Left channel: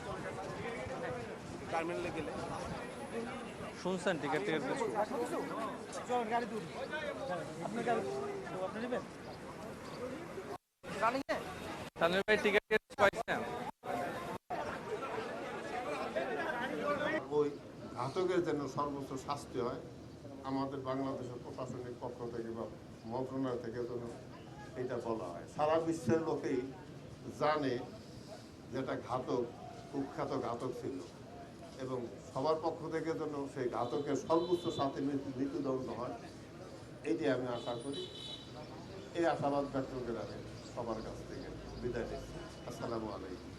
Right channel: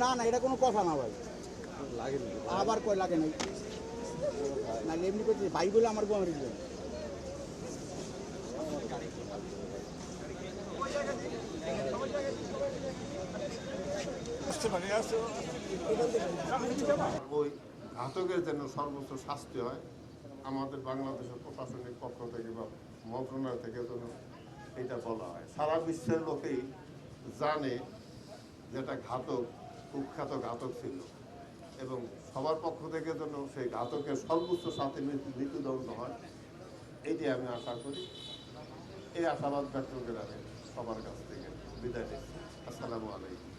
না না এটা কোনো কথা না ভাই আবার কয় লাগে না শুনছেন ঠিক আছে এমনি তো বাইগুলো আমার বল তাহলে ভাই টিকিট কয়টা ওই ঘাতকের যেন সর্বোচ্চ শাস্তি হয় আমাদের বাংলাদেশের প্রশাসনিক পক্ষ থেকে বা মন্ত্রণালয় থেকে যেন এটা বলা হয়। সারা বিশ্বের লোকেই জানে যেটা ঘাতক কুখ্যাত ঘাতক ছিল এবং সবার পক্ষ থেকে যেন সেই ঘাতকের সর্বোচ্চ শাস্তি মৃত্যুদণ্ড হয় এইটি আমি আশা করি। এই আশাবাদ ব্যক্ত করে আমি সবার কাছ থেকে বিদায় নিচ্ছি। আসসালামু আলাইকুম।